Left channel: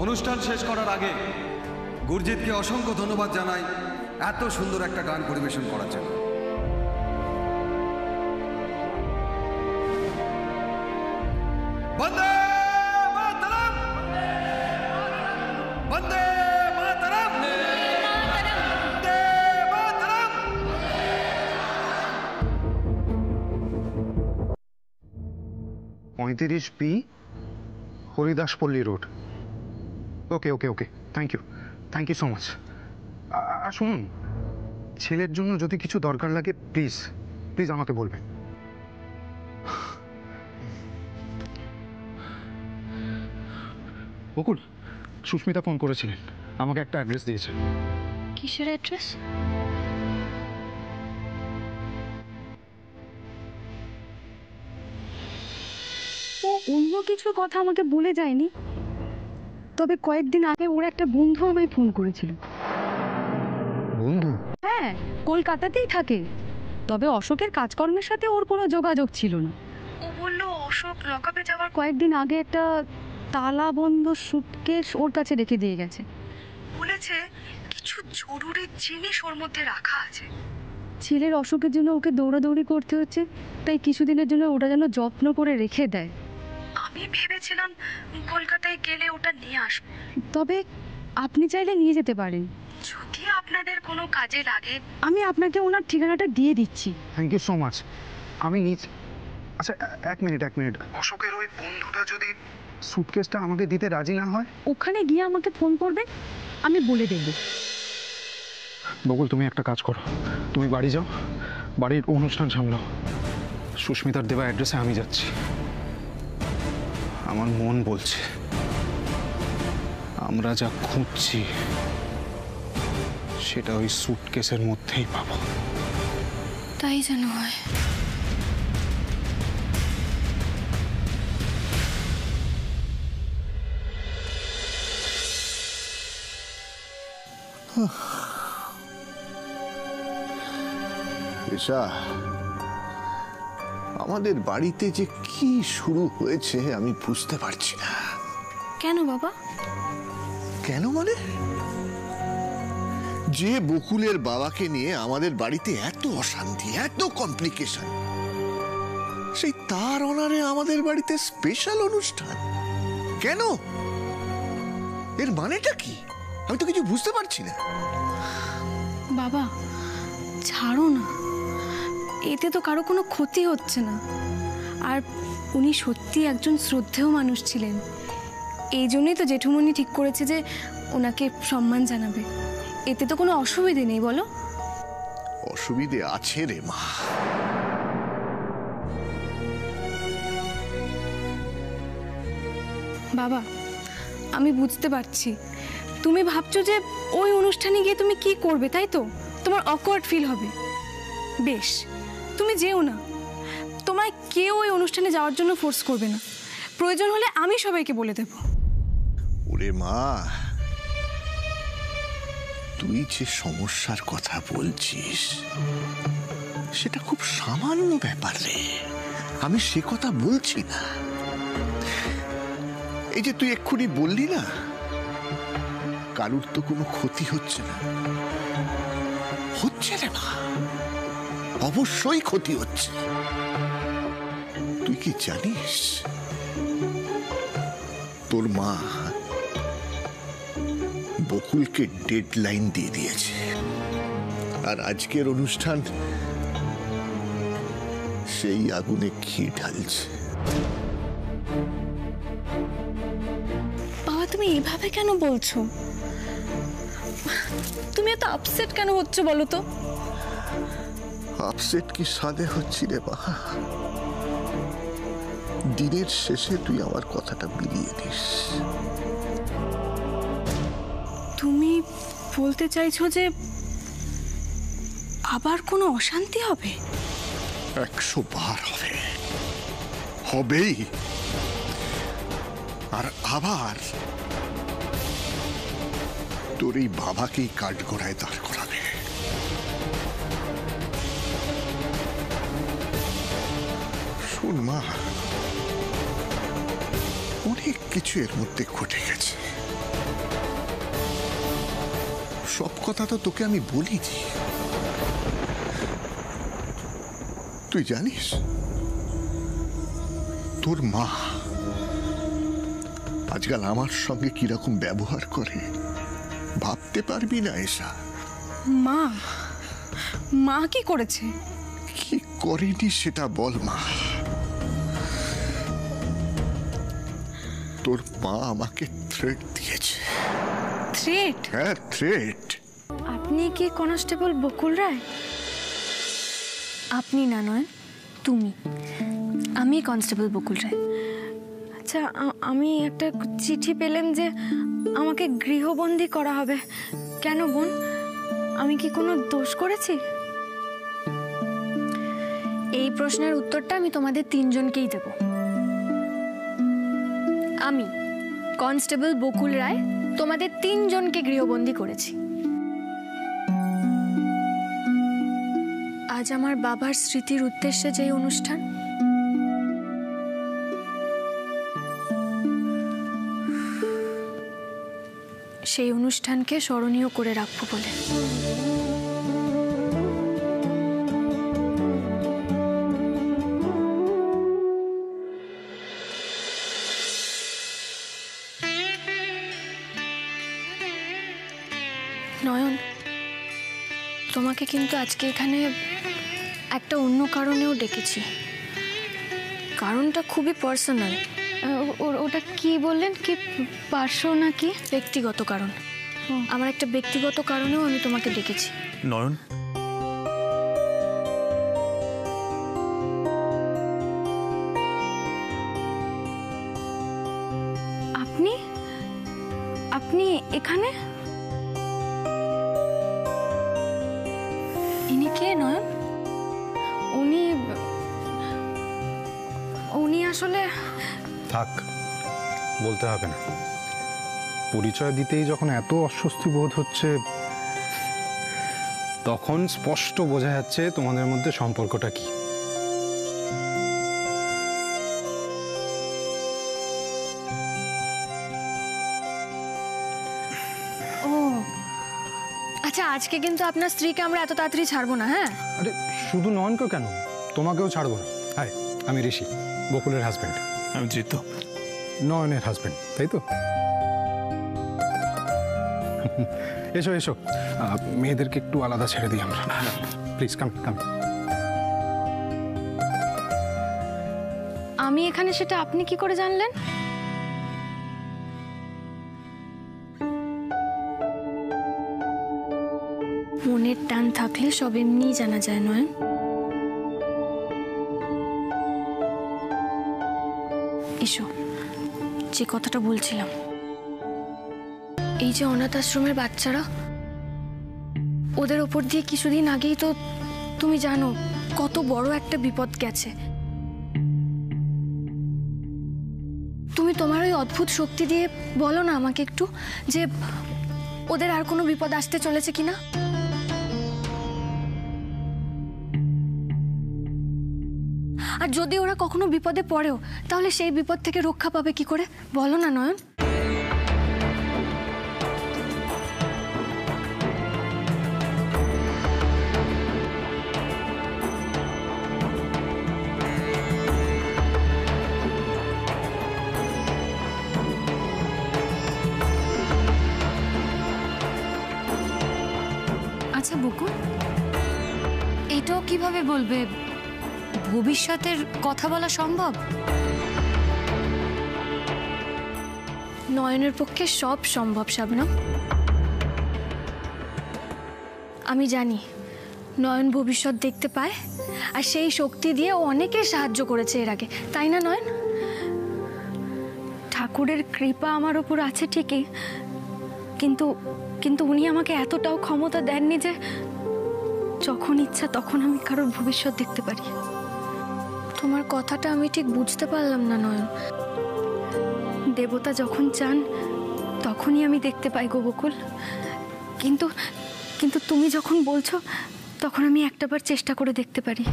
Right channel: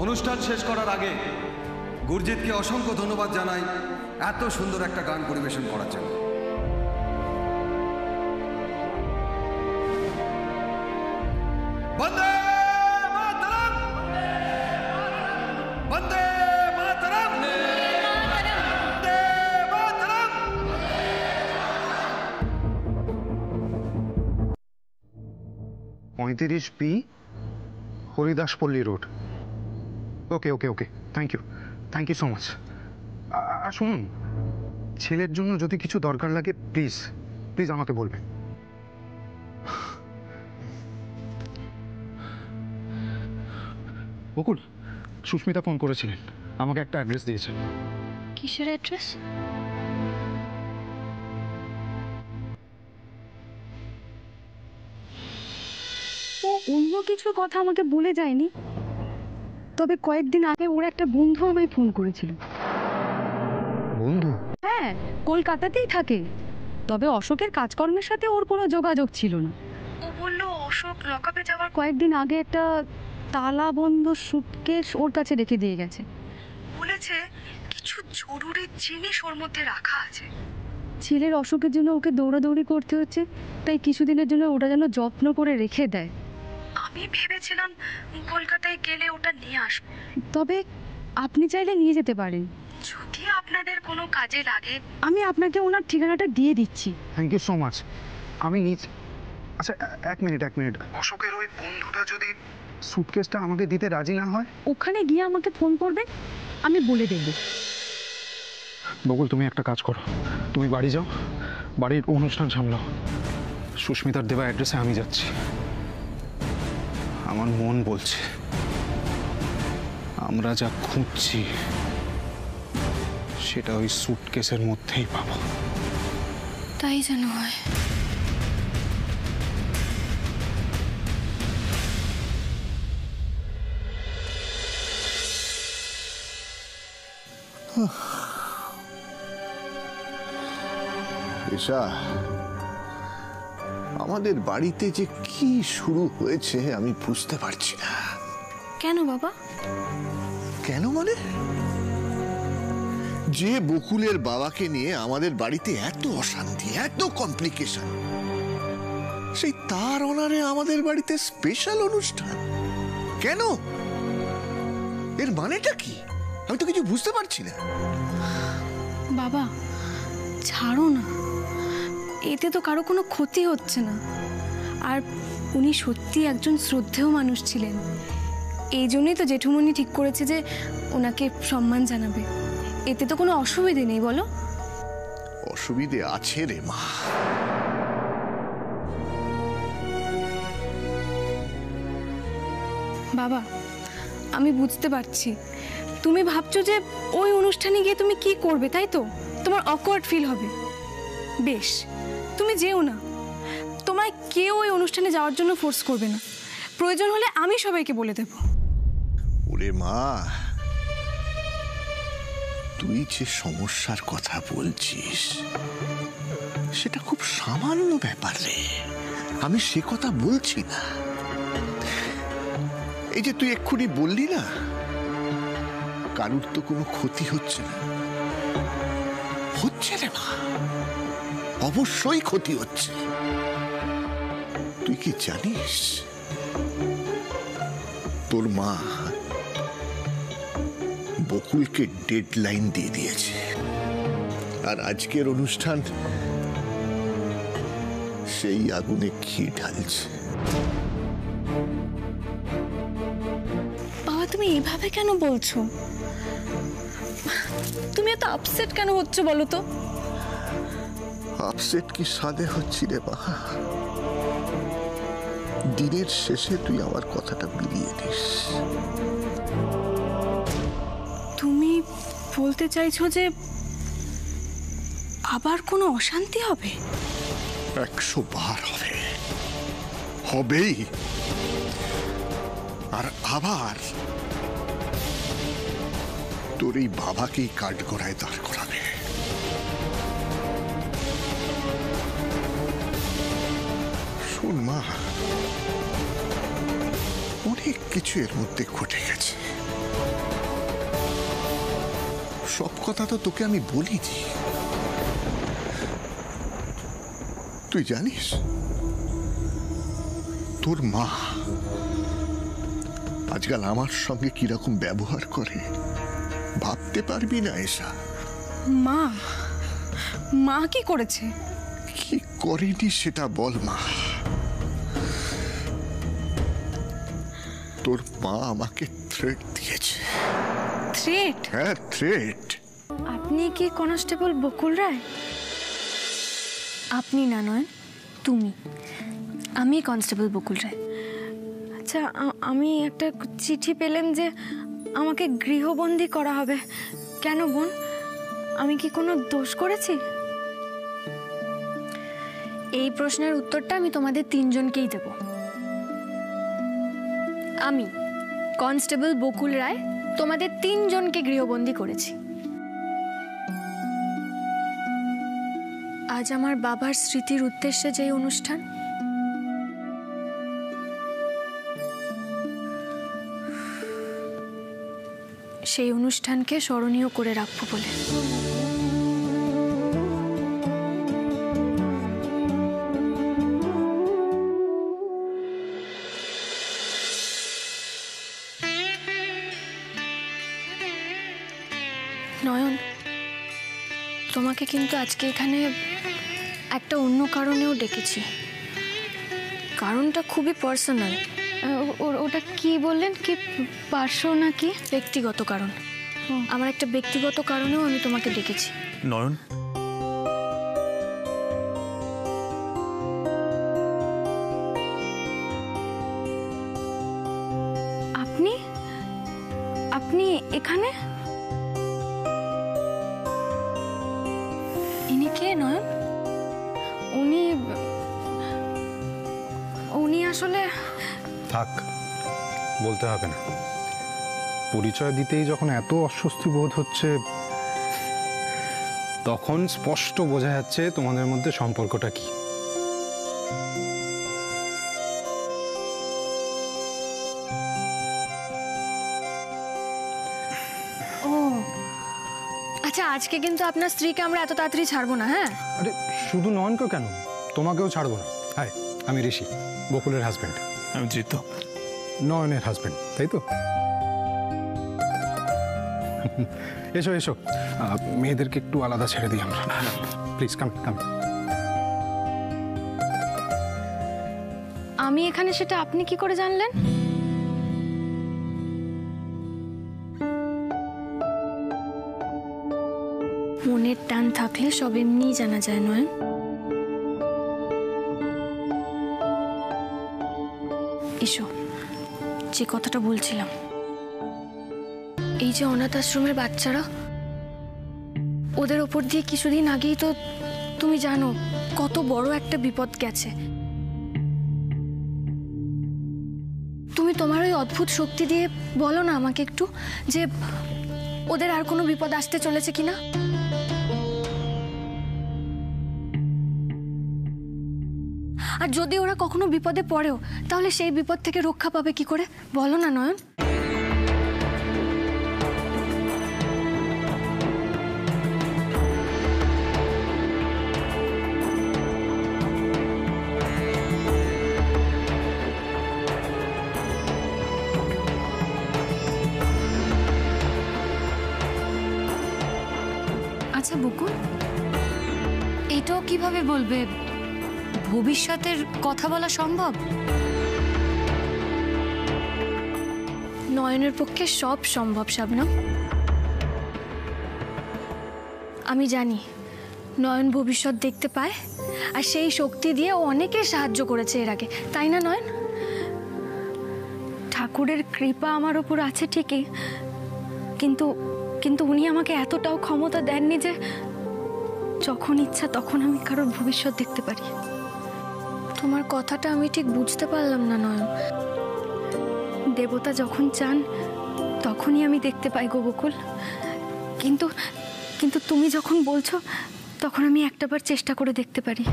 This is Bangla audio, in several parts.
অনুষ্ঠান শেষ করার আগে গুরজিৎকে অসংখ্য ধন্যবাদ জানাই এত সুন্দর একটা গান পরিবেশন করার জন্য। Vande Mataram, Vande Mataram, Vande Mataram. 35B Haridaspalli road. Okay okay okay, thank you so much. শুনুন, ছেলের জন্য যদি কিছু দরকার লাগে প্লিজ প্লিজ আমাকে বলবেন। বকুল, সুস্মিতা ফোন করেছিলেন, আমাকে একটা অ্যাড্রেস দিয়েছে। কিসের অ্যাড্রেস? ও অন্য কিছু কথা আমাকে বলে যায়নি, তবে কয়েকদিন আগে ওর একটা বন্ধু আমায় ফোন করেছিল। বন্ধু? হ্যাঁ, কলকাতাতেই থাকে, তবে অশোকের কাজকর্মের সাথে ওর কোনো যোগাযোগ ছিল না। ও বলল অশোক লকআপে যাওয়ার কয়েকদিন আগে একটা তালাবন্ধ সুটকেস ওর কাছে রেখে দিয়ে গেছে। বলেছে কিছু জরুরি জিনিস ওর মধ্যে রাখা আছে। ছেলের অসুখের জন্য ওকে দৌড়াদৌড়ি করতে হচ্ছে, তাই কিছুদিনের জন্য ওটা যেন যত্ন করে রেখে দেয়। আমি ভেবেছিলাম কলকাতায় গেলে ওটা নিয়ে আসবো, তবে আপনি চাইলে নিয়ে যেতে পারেন যদি আপনাদের কোনো কাজে লাগে। আমি আপনাকে ওনার ঠিকানাটা দিয়ে দিচ্ছি। Thank you so much. আমি নিচ্ছি। আচ্ছা এক মিনিট, অশোকের ওই বন্ধুটা যদি সুটকেসটা আমাকে দিতে রাজি না হয়? ওখানে গিয়ে আমাকে ফোন করবে, আমি বলে দেব। বকুল, তুমি একটা কাজ করো, তুমি বাড়ি যাও, বাড়ির অনুষ্ঠান সামলাও। সুস্মিতার দেওয়া অ্যাড্রেসে আমি যাচ্ছি। আমার মন বলছে আমরা যা খুঁজছি সেটা ওই সুটকেসের মধ্যেই পাবো। তাই যেন হয়। এসা, আমাদের বাড়িতে যে কি শুরু হয়েছে আমি বুঝতে পারছি না। কেন বাবা? কেন মানে? যে বকুলের বাবাকে নিয়ে আমাদের বাড়িতে এত অশান্তি, এত কমপ্লিকেশন, সেই তার অনারে আমাদের বাড়িতে স্পেশাল অনুষ্ঠান কেন? এর মানেটা কি? আমি তো কিছু বুঝতে পারছি না। বাবা ছাড়ো না, এতে তো কারো কোনো ক্ষতি হচ্ছে না। আর উনি সত্যি একজন শ্রদ্ধেয় মানুষ ছিলেন, এই জন্যই তো জেঠুমনি ঠিক করেছে যে ওনাকে সম্মান জানাবে। এতে তো কোনো অসুবিধে নেই, বলো? অসুবিধে আছে রে মা। বাবা আমি বুঝতে পারছি, তুমি ভাবছো যে ওই অনুষ্ঠানে গিয়ে তুমি কি করবে, তাই তো? তোমার অকওয়ার্ড ফিল হবে। বেশ, তুমি যেও না, তোমায় কেউ ওই অনুষ্ঠানে যাওয়ার জন্য ফোর্স করবে না। প্রয়োজন হলে আমি সবাইকে বলে দেব। ওরে মা, তুই যে সমস্যার কথা বলছিস সেটা খুব সামান্য ব্যাপার রে। আমি সে কথা বলছি না। এই যে তুই এক্ষুনি বললি না কারুর তো কোনো ক্ষতি হচ্ছে না, হচ্ছে রে মা, অবশ্যই ক্ষতি হচ্ছে। তুই কি জানিস তোর মা বকুলকে ডেডলাইন দিয়ে দিয়েছে, আর আজকের অনুষ্ঠান সেই আগুনে ঘি ঢালছে। বাবা তুমি এভাবে কেন বলছো? তুমি এত আপসেট কেন হচ্ছ বলো তো? আপসেট কি সাদে হচ্ছি রে মা? দিনের শেষে তুই আমার কথাটা মিলিয়ে দিস। তুমি বলতে চাইছো যে আবার কোনো অশান্তি হবে? 100 বার হবে, হবেই। আর আবার তোর এই বাবাকেই কাঠগড়ায় দাঁড় করাবে। শোন মা, অনেক কিছু এর মধ্যে ঘটে গেছে, সব কথা তো তোকে আমি বলিনি। তুই জানিস তোর মা আজকাল আমার সঙ্গে কিরকম ব্যবহার করে? ভাবতে পারবি না এসা। মা মা কি করেছে? কি করেনি সেটা বল মা। তোর মা আমাকে থ্রেট দিয়েছে। থ্রেট? হ্যাঁ, থ্রেট। আপনি কি কনস্টেবল বকুল রায়? আপনি না, নয় তুমি। আমি কনস্টেবল বকুল রায়। আচ্ছা, আমি একটা চিঠি পেলাম যে আমাকে গৃহবন্দী করা হবে। কেন বোন, আমি কি কোনো দোষ করেছি? এই প্রশ্নের উত্তরটা আমি তোমাদের তিনজনকেই দেব। আমি কনস্টেবল বকুল রায় তোমাদের তিনজনকে গৃহবন্দী করেছি। আজ আমার বাবার স্মৃতির উদ্দেশ্যে যে অনুষ্ঠান, সেই অনুষ্ঠানকে স্মরণীয় করে রাখবো বলে। নয়ন, তোমাকে কিন্তু আজকে এখানে একটা অন্য কারণেও ডেকেছি। কারণটা খুবই পার্সোনাল। ওটা কি বললেন? কি পার্শ্ব নাকি ব্যক্তিগত কারণ? আমার একটা ব্যক্তিগত কারণেও আমি তোমাকে ডেকেছি। নয়ন, আপনি আপনি এখানে? ইনি কে নয়ন? উনি আসলে... থাক, বলতে হবে না। পরিচয় দিতেই যখন এত অস্বস্তি বোধ হচ্ছে, তখন স্পষ্ট বোঝা যাচ্ছে তোমাদের মধ্যে সম্পর্কটা কি। ও আচ্ছা, আজকে কিন্তু আপনার স্ত্রীকে আমরা এত তাড়াতাড়ি ছাড়বো না। হ্যাঁ, আরে শুধু নয়নকে কেন, তোমাকেও ছাড়বো না। হাই, আমি ঋষি, বকুলের হাজবেন্ড। আমি জিতু, নয়নের হাজবেন্ড, তাই তো? এসো এসো, মেয়েদেরকে একটু আলাদা ছেড়ে দিই আমরা। প্লিজ কাম কাম। আমি এখানে সেটা আপনি কি করে জানলেন? মনের টান থাকলে সব এমনিই জানা যায়, নয়? এসো, যে কথাটা বলছিলাম, এই যে অনাথ আশ্রমের বাচ্চারা, ওদের ওপর দিয়ে কিছুদিন আগেই তো তুমি জানো কত বড় একটা বিপদ গেছে। তুমি তোমার ওই অদ্ভুত শক্তি দিয়ে বলো না আমাকে একটু, যে ওদের আর কোনো বিপদ আসতে চলেছে কিনা। আর যদি ওরা কখনো বিপদে পড়েও, তাহলে সেই বিপদ থেকে রক্ষা পাবে কি করে বলো না নয়ন? আচ্ছা বকুল, এটাও কিভাবে বলবে ভবিষ্যতের কথা বলা সম্ভব? নয়নের পক্ষে সব সম্ভব শাবনম। আমি জানি নয়ন ভবিষ্যৎ দেখতে পায়, আর সেই শক্তি দিয়ে ও অনেকের সাহায্য করেছে এর আগে, তাই না নয়ন? ঠাকুরের কৃপা আমার ওপর আছে ঠিকই, কিন্তু কিন্তু উনি আমাকে এতটাও ক্ষমতা দেননি যে যখন ইচ্ছা তখন আমি কারোর ভবিষ্যৎ দেখতে পারি। তোমার কথাটা আমি ঠিক বুঝতে পারলাম না নয়ন। দেবতা যখন চান তখনই আমি দেখতে পাই গো বকুল, কিন্তু কিন্তু তুমি যখন বলছো তখন আমি একটাবার চেষ্টা করে দেখতে পারি।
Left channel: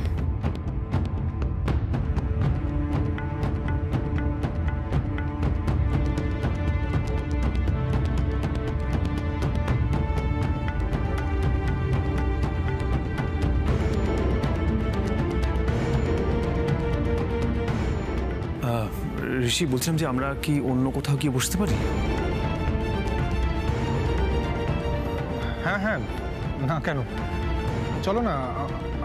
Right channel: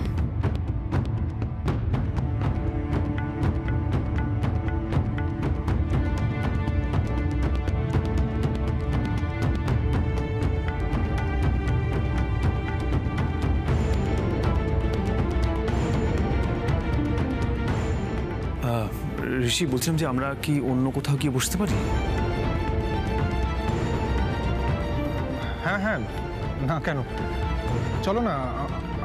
ঋষি, বলছিলাম যে আমরা কি অন্য কোথাও গিয়ে বসতে পারি? হ্যাঁ হ্যাঁ, না কেন, চলো না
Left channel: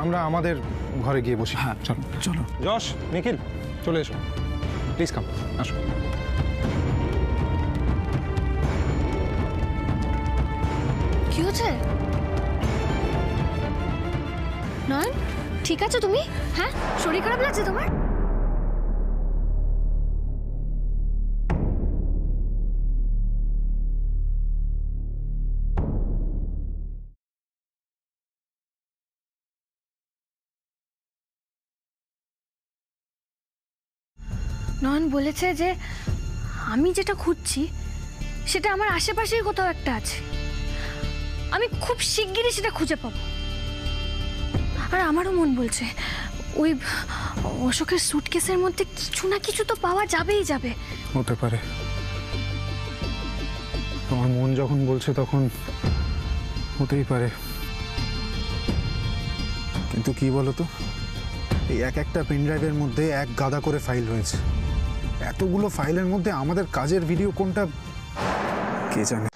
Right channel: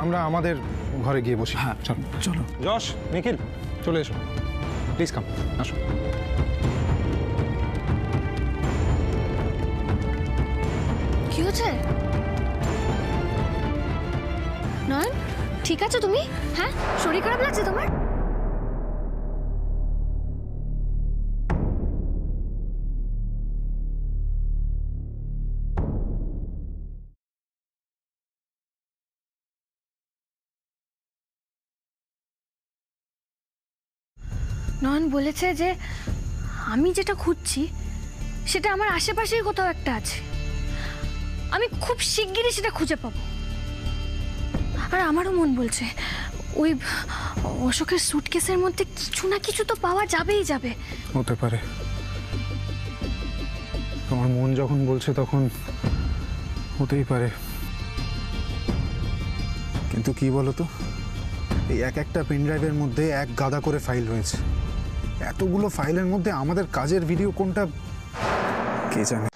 আমরা আমাদের ঘরে গিয়ে বসি। হ্যাঁ চলো চলো। যশ, নিখিল, চলে এসো, প্লিজ কাম, আসো। কি হচ্ছে? নয়ন, ঠিক আছে তুমি? হ্যাঁ, শরীর খারাপ লাগছে তোমার? নয়ন বলেছে যে আমি যেটা খুঁজছি সেটা আমার আশেপাশেই কোথাও একটা আছে। আমি খুব শিগগিরই সেটা খুঁজে পাবো। আর আমারও মন বলছে ওই অশোকের সুটকেসের মধ্যে কিছু না কিছু তো পাওয়া যাবেই যাবে। হতে পারে, আমার মন যখন বলছে তখন হতেই পারে। কিন্তু কি বলতো, এই এক একটা পেন ড্রাইভের মধ্যে এক গাদা করে ফাইল রয়েছে। এতগুলো ফাইলের মধ্যে আমাদের কাজের ভিডিও কোনটা কে জানে।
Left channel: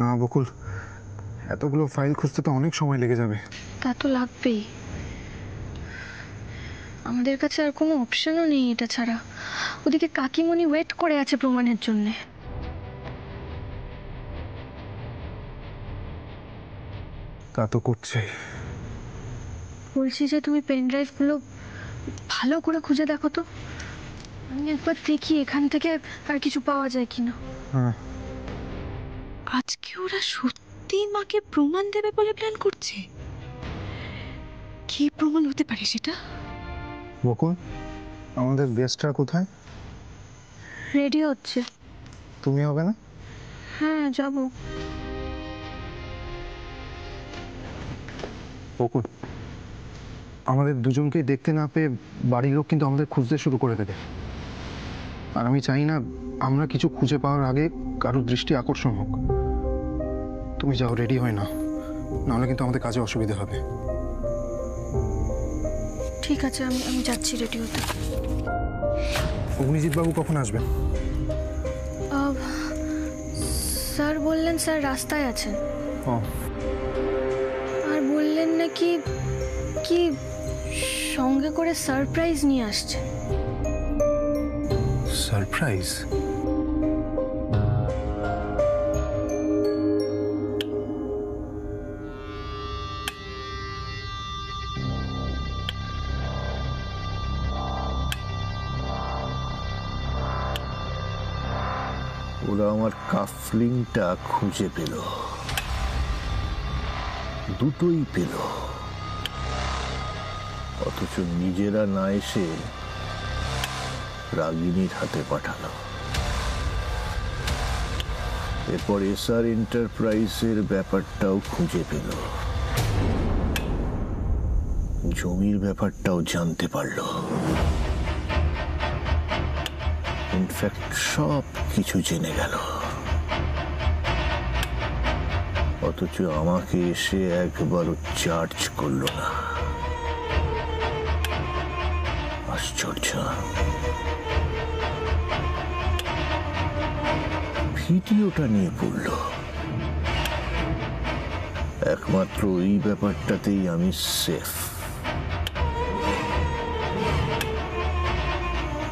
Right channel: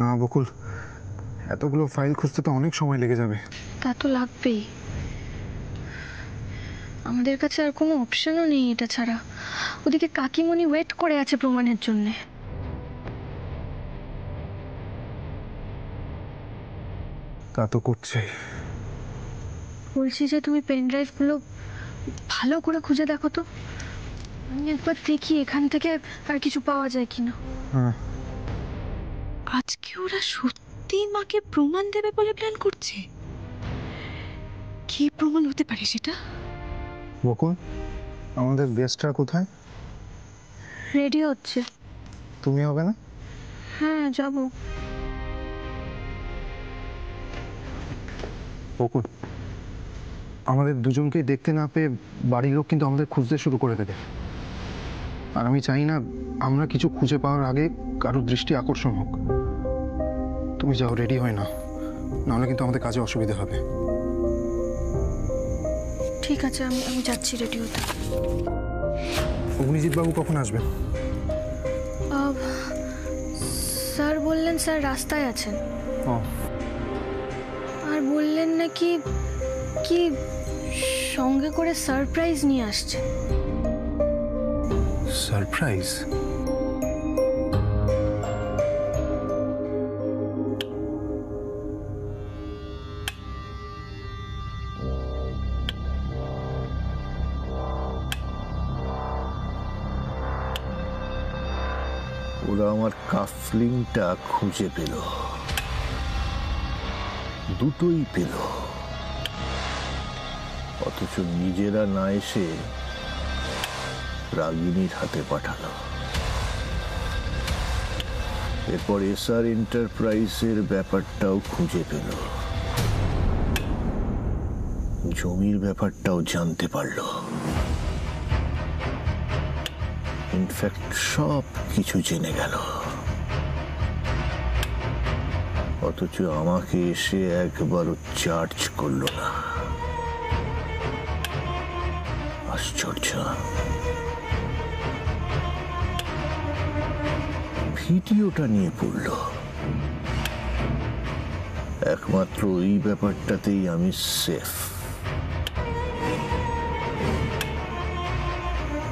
না বকুল, এতগুলো ফাইল খুঁজতে তো অনেক সময় লেগে যাবে। তা তো লাগবেই, আমাদের কাছে আর কোনো অপশনও নেই এটা ছাড়া। ওদিকে কাকিমণি ওয়েট করে আছে প্রমাণের জন্যে। তা তো করছে। বলছি যে তুমি পেন ড্রাইভগুলো ভালো করে খুঁজে দেখো তো, আমি একবার দেখি এখান থেকে আর কিছু পাওয়া যায় কিনা। হ্যাঁ, আজকে ওরা সত্যি মাকে প্রমাণ দেবে বলে প্ল্যান করছে। কি প্রমাণ হতে পারে সেটা? বকুল, আমাদের গেস্টরা কোথায়? রেডি হচ্ছে। তুমি হবে না? হ্যাঁ যাব। বকুল, আমাদের দুজনকেই দেখতে না পেয়ে বাড়ির লোক কিন্তু আমাদের খুঁজতে শুরু করে দেবে। আর আমি চাই না আমরা কিছু খুঁজে পাওয়ার আগে কারোর দৃষ্টি আকর্ষণ হোক। তুমি যাও, রেডি হয় না, নাহলে কিন্তু আমাদের কাজে অসুবিধা হবে। ঠিক আছে, আমি যাচ্ছি রেডি হতে। অগ্নিজিৎ বাবু কখন আসবেন? স্যার বললেন স্যার রাস্তায় আছেন। ও, আর বললেন নাকি কি সঙ্গে করে সারপ্রাইজ নিয়ে আসছেন। সারপ্রাইজ? ওরা আমার কাফলিংটা খুঁজে পেল, দুটোই পেল, অথচ নিজেরা না এসে রাগিনীর হাতে পাঠালো। এরপর এসআর এন্টারপ্রাইজের ব্যাপারটাও খুঁজে পেল, জমির ব্যাপারটাও জানতে পারল। ইনফ্যাক্ট সব কিছু জেনে গেল, অথচ আমাকে এসে একবারও চার্জ করলো না। আশ্চর্য। ভিডিওটা নিয়ে পড়ল, একমাত্র এই ব্যাপারটাতেই আমি সেফ।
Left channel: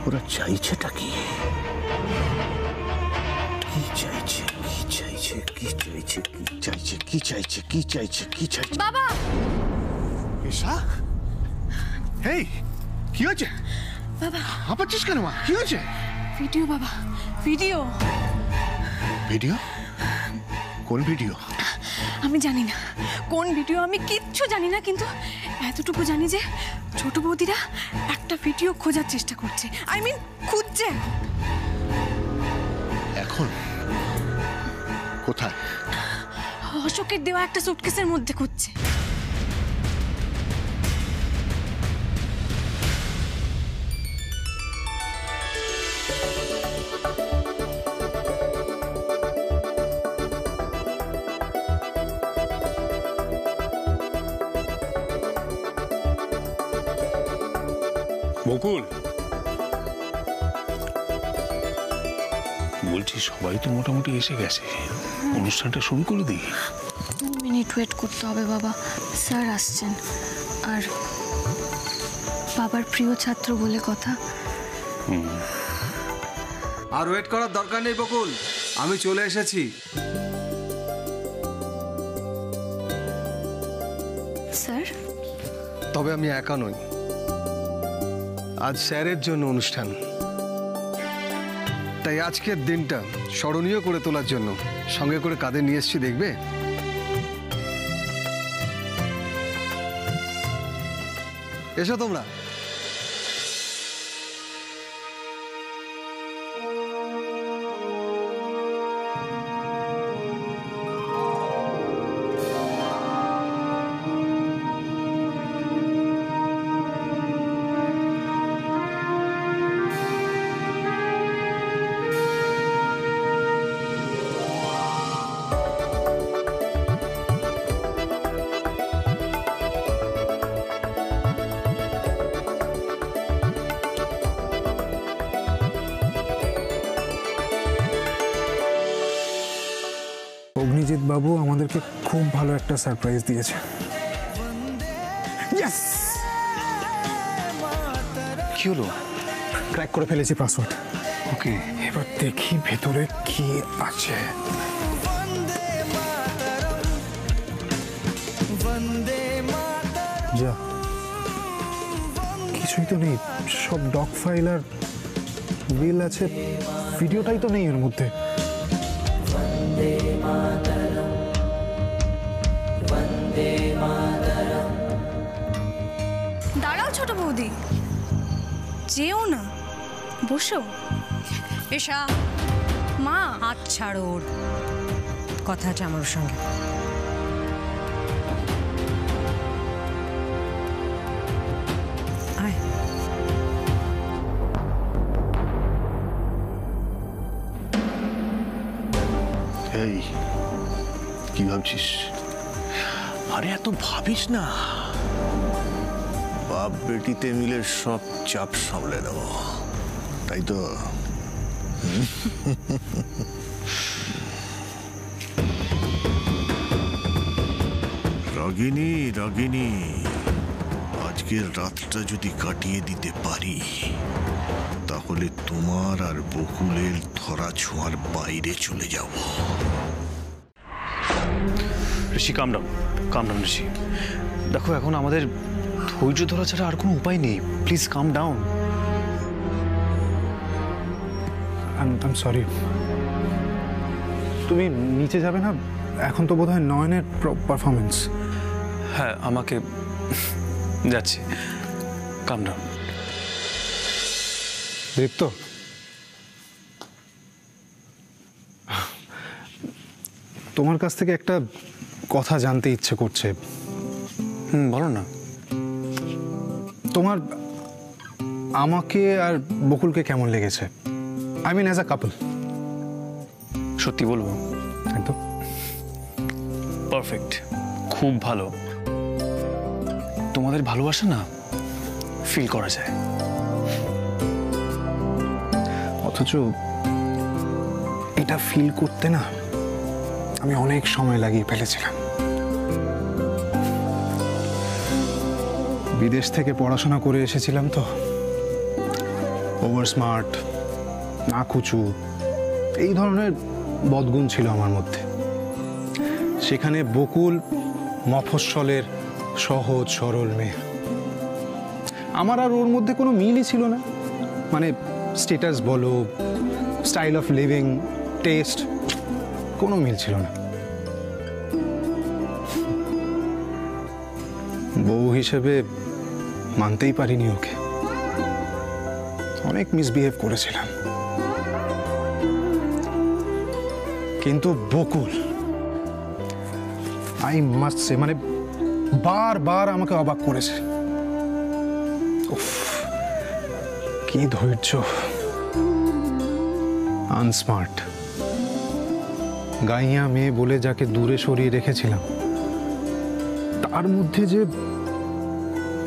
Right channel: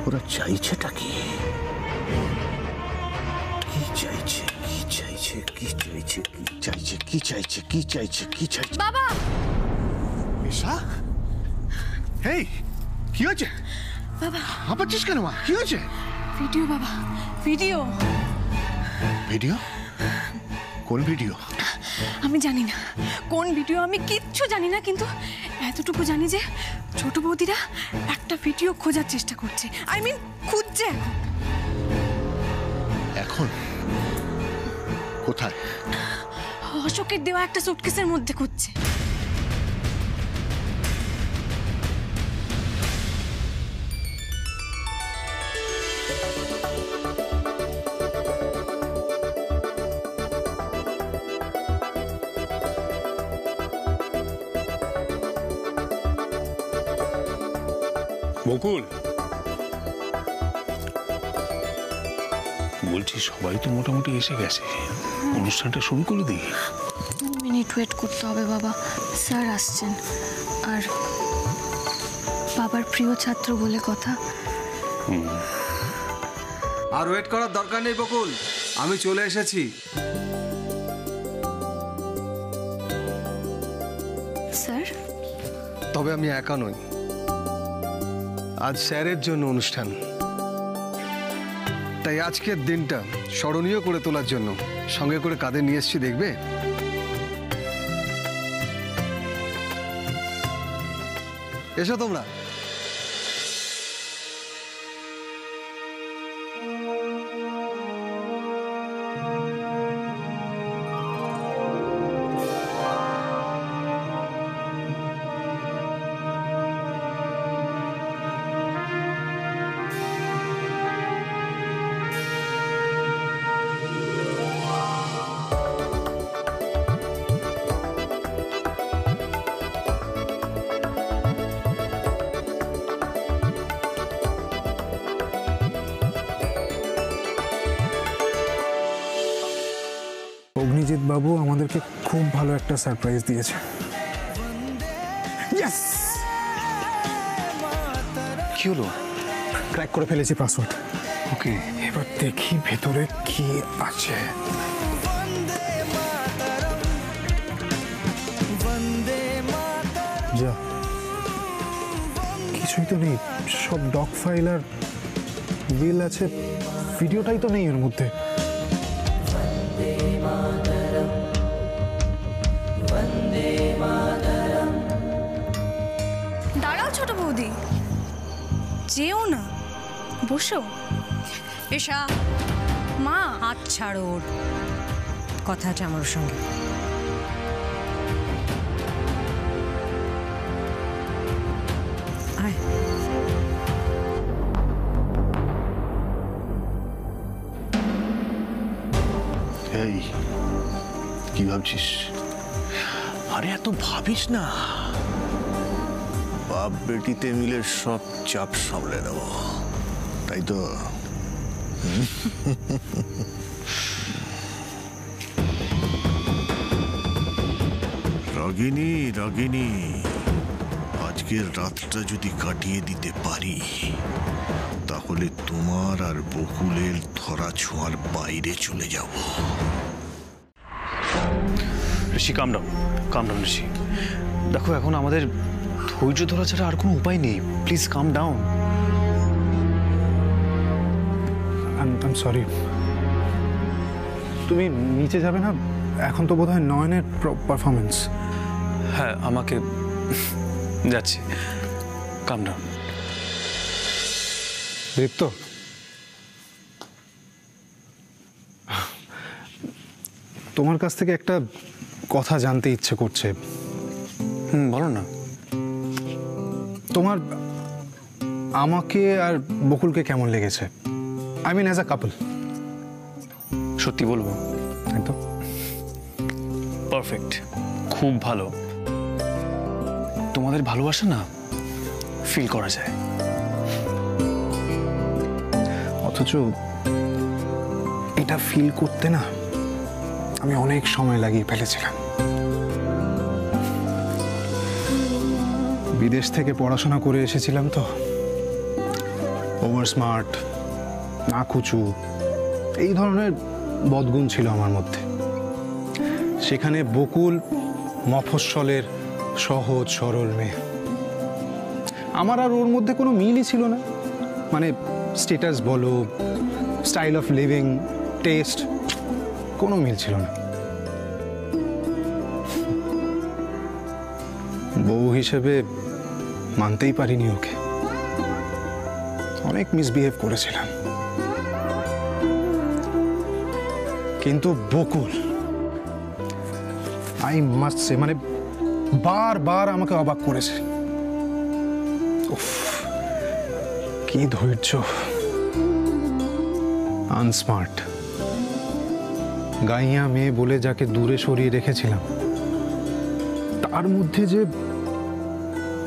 ওরা চাইছেটা কি? কি চাইছে, কি চাইছে, কি চাইছে, কি চাইছে, কি চাইছে, কি চাইছে, কি চাইছে? বাবা! ঈশা, হেই, কি হয়েছে? বাবা! হাঁপাচ্ছিস কেন মা? কি হয়েছে? ভিডিও বাবা, ভিডিও। ভিডিও? কোন ভিডিও? আমি জানি না কোন ভিডিও, আমি কিচ্ছু জানি না, কিন্তু এতটুকু জানি যে ছোট বৌদিরা একটা ভিডিও খোঁজার চেষ্টা করছে। আই মিন খুঁজছে। এখন কোথায়? অশোকের দেওয়া একটা সুটকেসের মধ্যে খুঁজছে। বকুল, বলছি সবাই তো মোটামুটি এসে গেছে, অনুষ্ঠানটা শুরু করে দিই। 2 মিনিট ওয়েট করতে হবে বাবা, স্যার আসছেন। আর বাবার প্রিয় ছাত্র বলে কথা। আর ওয়েট করার দরকার নেই বকুল, আমি চলে এসেছি। স্যার, তবে আমি একা নই, আজ স্যারের জন্য অনুষ্ঠান, তাই আজকের দিনটা স্মরণীয় করে তোলার জন্য সঙ্গে করে কাঁধে নিয়ে এসেছি, দেখবে? এসো তোমরা। অগ্নিজিৎ বাবু আমাদেরকে খুব ভালো একটা সারপ্রাইজ দিয়েছে। ইয়েস! কি হলো? ক্র্যাক করে ফেলেছি পাসওয়ার্ড। ওকে, এবার দেখি ভেতরে কি আছে। যা, কিছুই তো নেই, সব ডক ফাইল আর বিল আছে, ভিডিওটাই তো নেই এর মধ্যে। দাঁড়াও ছোট বৌদি, যেও না, বসো। এসা, মা, হাত ছাড়ো ওর, কথা আছে আমার সঙ্গে। আয়। এই কি ভাবছিস? আরে এত ভাবিস না, বাপ বেটিতে মিলে সব চাপ সামলে নেব, তাই তো? রাগিনী রাগিনী, আজকের রাতটা যদি কাটিয়ে দিতে পারি তাহলে তোমার আর বকুলের ধরা ছোঁয়ার বাইরে চলে যাব। ঋষি কাম ডাউন ঋষি। দেখো, এখন আমাদের ধৈর্য ধরা ছাড়া আর কোনো উপায় নেই। Please calm down. I am sorry. তুমি নিচে যাবে না? এখন তো বোধহয় নয়নের পারফরমেন্স। হ্যাঁ, আমাকে যাচ্ছি। কাম ডাউন। দীপ্ত, তোমার কাছ থেকে একটা কথা জানতে ইচ্ছে করছে। বলো না। তোমার আমাকে আর বকুলকে কেমন লেগেছে? আই মিন অ্যাজ আ কাপল। সত্যি বলবো? একদম পারফেক্ট, খুব ভালো। তোমাদের ভালোবাসা না ফিল করা যায়। অথচ এটা ফিল করতে না আমি অনেক সময় লাগিয়ে ফেলেছিলাম। বিদেশ থেকে পড়াশোনা করে এসেছিলাম তো, ওভার স্মার্ট, নাকুচু, এই ধরনের বদগুণ ছিল আমার মধ্যে। সেখানে বকুল মফস্বলের সহজ সরল মেয়ে। আমার আর ওর মধ্যে কোনো মিলই ছিল না। মানে স্ট্যাটাস বলো, স্টাইল অফ লিভিং, টেস্ট, কোনো মিল ছিল না। বউ হিসেবে মানতেই পারিনি ওকে, অনেক মিসবিহেভ করেছিলাম। কিন্তু বকুল, আই মাস্ট সে, মানে বারবার আমাকে অবাক করেছে। উফ, কি ধৈর্য! আনস্মার্ট, গাইয়া মেয়ে বলে যাকে দূরে সরিয়ে রেখেছিলাম, তার মধ্যে যে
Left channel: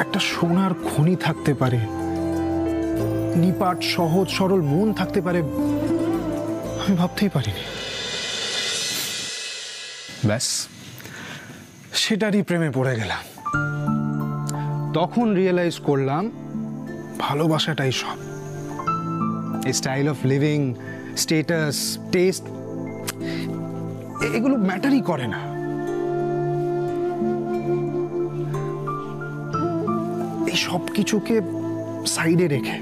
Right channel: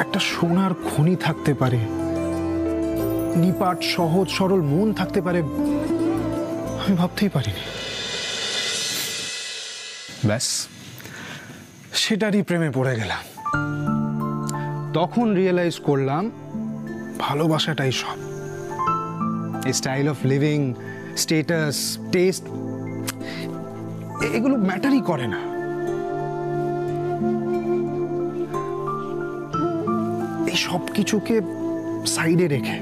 একটা সোনার খনি থাকতে পারে নিপাট সহজ সরল মন থাকতে পারে আমি ভাবতেই পারিনি। ব্যাস সেটারই প্রেমে পড়ে গেলাম। তখন রিয়েলাইজ করলাম ভালোবাসাটাই সব। Style of living, status, test এগুলো ম্যাটারই করে না। এই সব কিছুকে সাইডে রেখে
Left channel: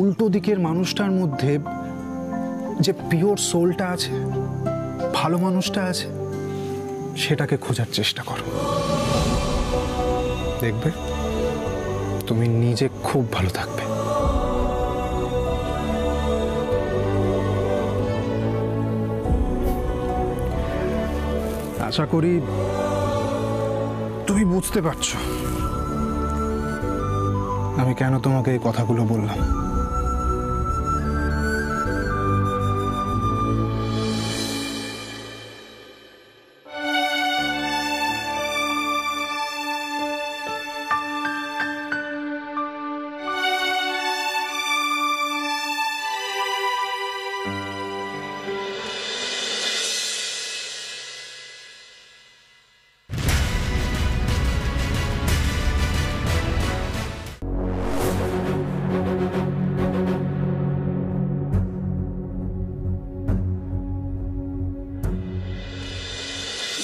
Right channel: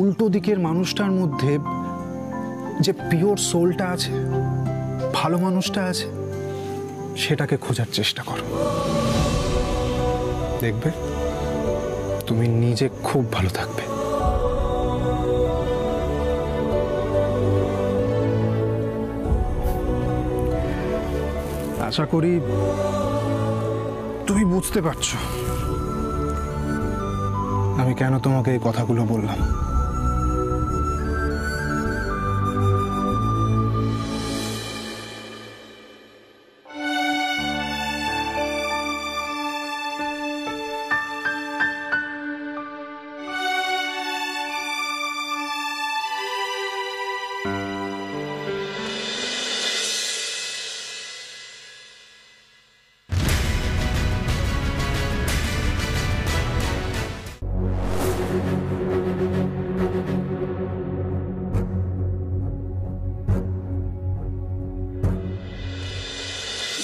উল্টো দিকের মানুষটার মধ্যে যে পিওর সোলটা আছে, ভালো মানুষটা আছে, সেটাকে খোঁজার চেষ্টা করো। দেখবে তুমি নিজে খুব ভালো থাকবে। আশা করি তুমি বুঝতে পারছো আমি কেন তোমাকে এই কথাগুলো বললাম।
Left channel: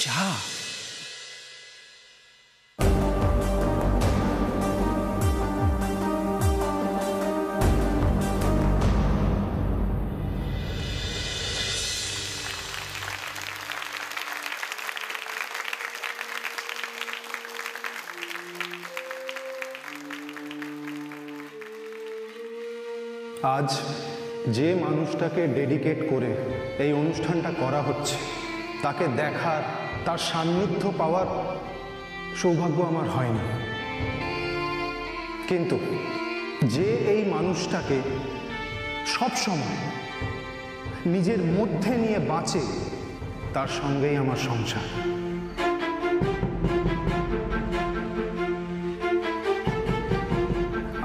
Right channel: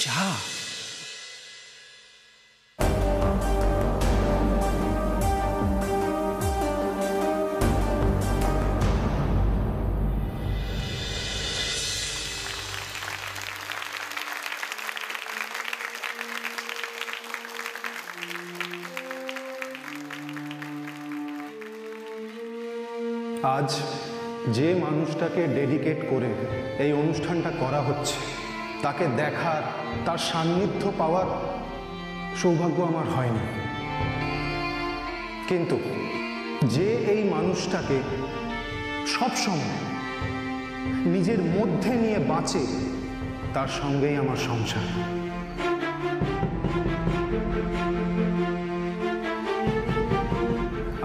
যা আজ যে মানুষটাকে ডেডিকেট করে এই অনুষ্ঠানটা করা হচ্ছে তাকে দেখার, তার সান্নিধ্য পাওয়ার সৌভাগ্য আমার হয়নি, কিন্তু যে এই মানুষটাকে সব সময় নিজের মধ্যে নিয়ে বাঁচে তার সঙ্গেই আমার সংসার।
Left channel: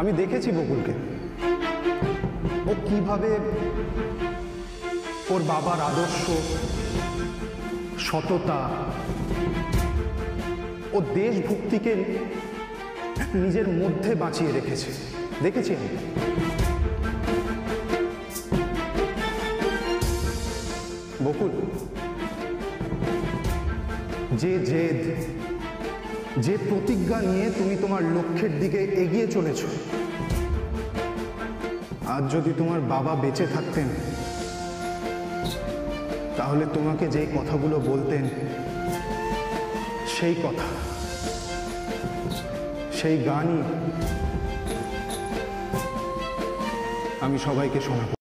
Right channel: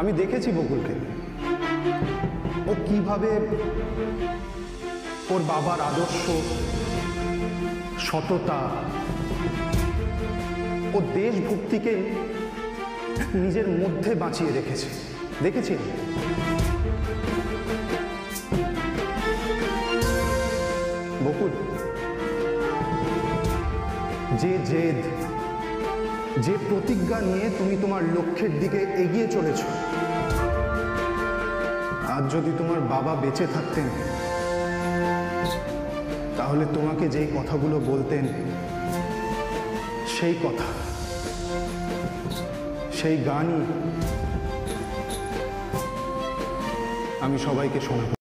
আমি দেখেছি বকুলকে, ও কিভাবে ওর বাবার আদর্শ, সততা ও দেশভক্তিকে নিজের মধ্যে বাঁচিয়ে রেখেছে, দেখেছি আমি। বকুল, যে জেদ, যে প্রতিজ্ঞা নিয়ে তুমি তোমার লক্ষ্যের দিকে এগিয়ে চলেছ, আজ যদি তোমার বাবা বেঁচে থাকতেন তাহলে তোমাকে যে কথাগুলো বলতেন সেই কথা, সেই গানই আমি সবাইকে শোনাবো।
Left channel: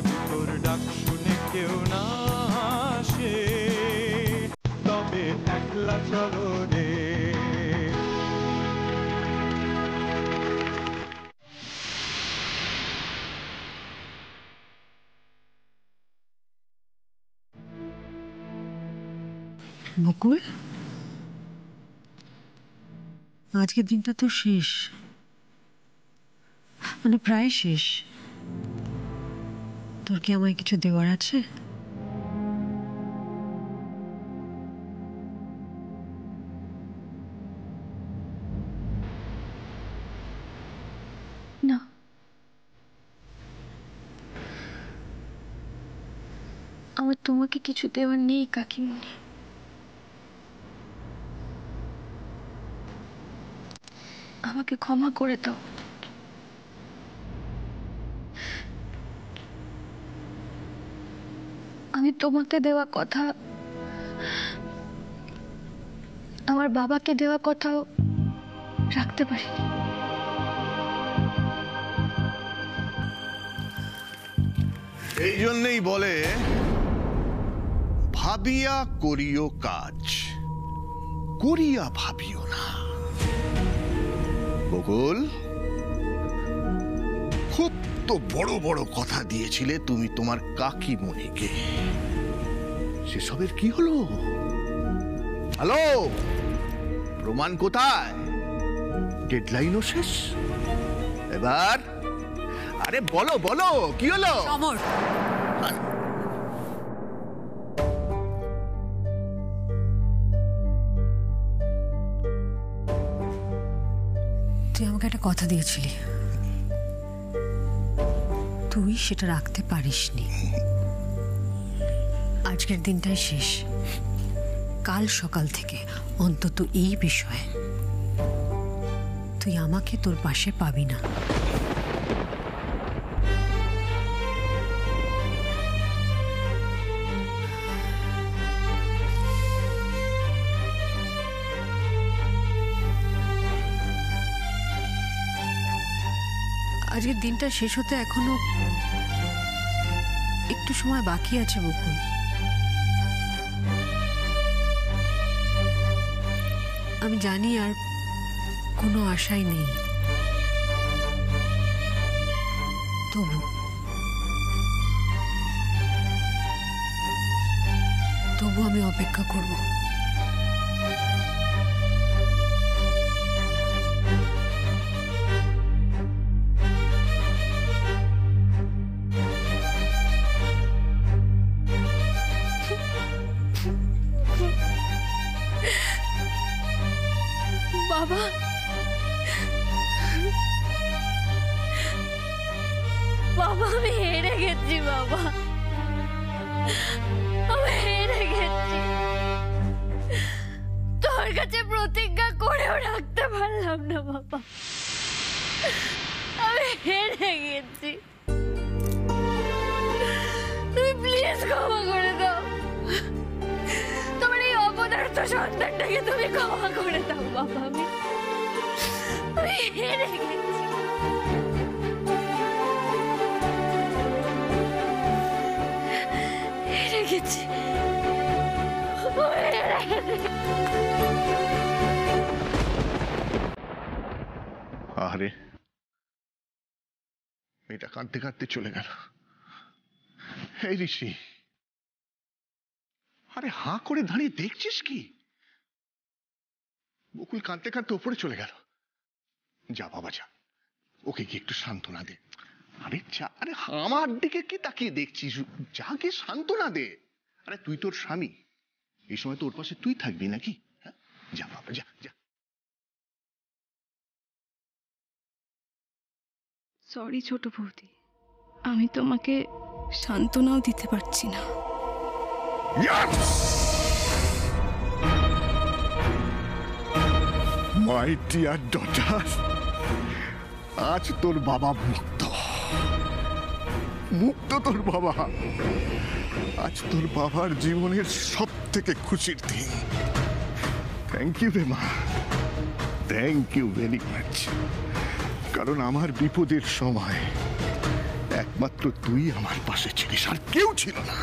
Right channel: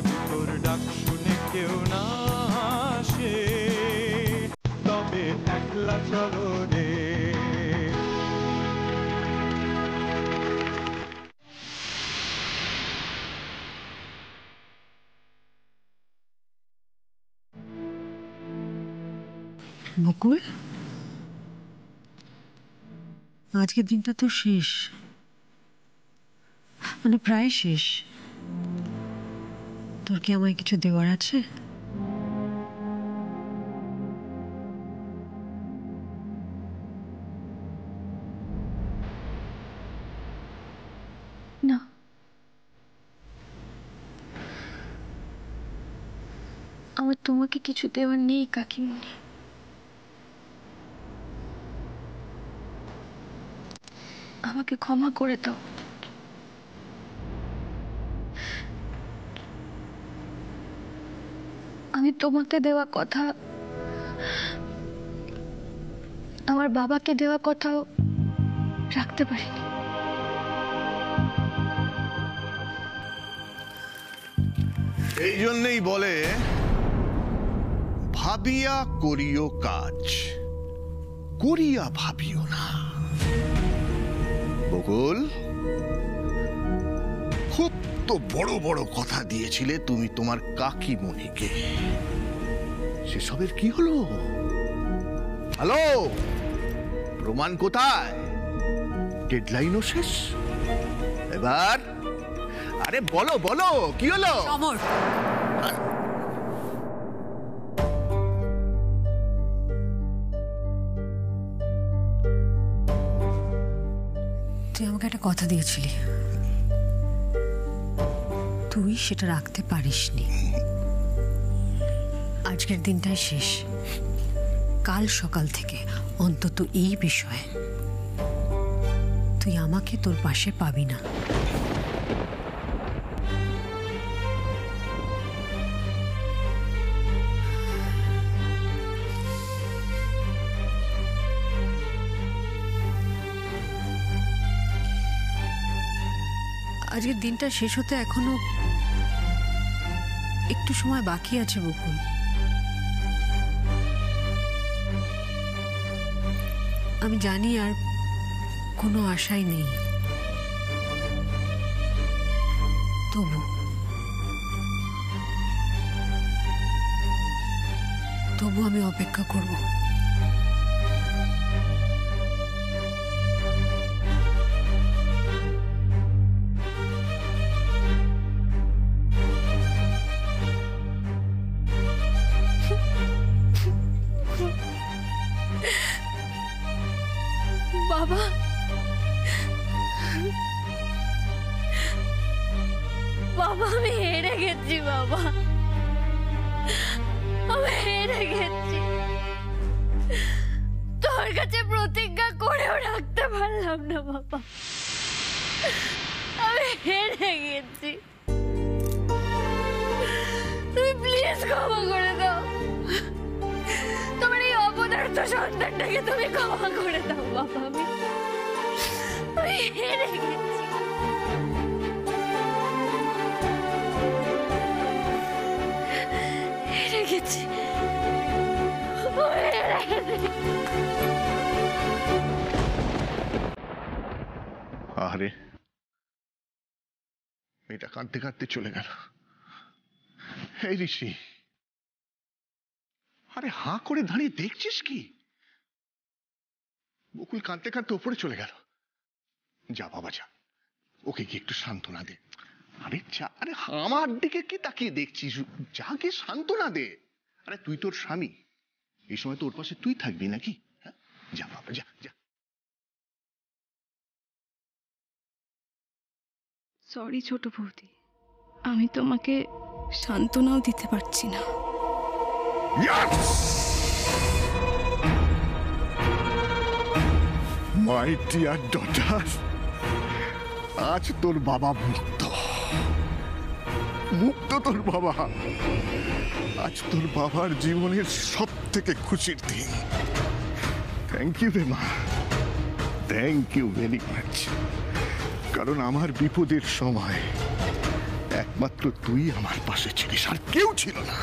যদি তোর ডাক শুনে কেউ না আসে, তবে একলা চলো রে। মুকুল, আজকের দিনটা তো শেষ, মানে প্রায় শেষ। তোর কি আমায় কিছু দেওয়ার আছে? না, আমার তোমাকে কিছু দেওয়ার নেই কাকিমুনি। আমাকে ক্ষমা করে দাও। আমি তোমাকে দেওয়া কথা, আমার বাবাকে দেওয়া কথাও রাখতে পারিনি। এই জন্যই বলে ভাবিয়া করিও কাজ, করিয়া ভাবিও না। বকুল, খুব তো বড় বড় কথা দিয়েছিলে তুমি তোমার কাকিমণিকে, সেসবের কি হলো? হ্যালো, প্রমাণ কোথায়? ডেডলাইনও শেষ। এবার আরে বলো বলো, কি হলো? সমর, তুই আমাকে একটা কথা দিয়েছিলি, তুই সেটা রাখতে পারিসনি। আজকের দিনটাই শেষ। কাল সকাল থেকে অন্তত এই বিষয়ে তুই আমাকে তোর পাশে পাবি না। আজকের দিনটা শেষ হতে এখনো একটু সময় বাকি আছে বকুল। আমি জানি আর কোনো আশাই নেই, তবু আমি অপেক্ষা করব। বাবা, বাবা আমি হেরে গেছি। বাবা আমি হেরে গেছি। তোর কাছে প্রতিজ্ঞা করেও রাখতে পারলাম না বাবা। আমি হেরে গেছি। তুমি প্লিজ ক্ষমা করে দাও। তোমার এই অপদার্থ সন্তানটাকে তুমি ক্ষমা করে দাও বাবা। আমি হেরে গেছি। হেরে গেছি। আরে মেয়েটা কাঁদতে কাঁদতে চলে গেল। এই ঋষি, আরে হাঁ করে দাঁড়িয়ে দেখছিস কি? বকুল কাঁদতে কাঁদতে ওপরে চলে গেল। যা বাবা যা, ওকে কি একটু সান্ত্বনা দে। আরে যা, আরে আমার দিকে কি তাকিয়ে দেখছিস? যা গিয়ে সান্ত্বনা দে। আরে তুই তোর স্বামী, এই সময় তো ওর পাশে তুই থাকবি নাকি? হ্যাঁ, যা বাবা যা যা। সরি ছোট বৌদি, আমি তোমাকে সান্ত্বনাও দিতে পারছি না। মাই ডিয়ার ডটার, আজ তোর বাবা মুক্ত। মুক্ত তোর বাবা। আজ তোর বাবার জীবনের সব থেকে খুশির দিন। থ্যাংক ইউ রে মা, থ্যাংক ইউ ভেরি মাচ। কারণ আমার বিপদের সময় একমাত্র তুই আমার পাশে ছিলিস, আর কেউ ছিল না।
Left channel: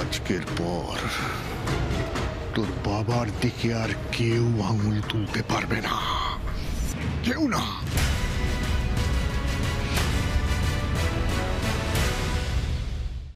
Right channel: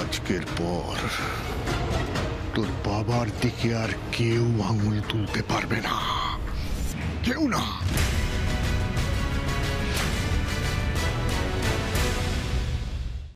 আজকের পর তোর বাবার দিকে আর কেউ আঙুল তুলতে পারবে না, কেউ না।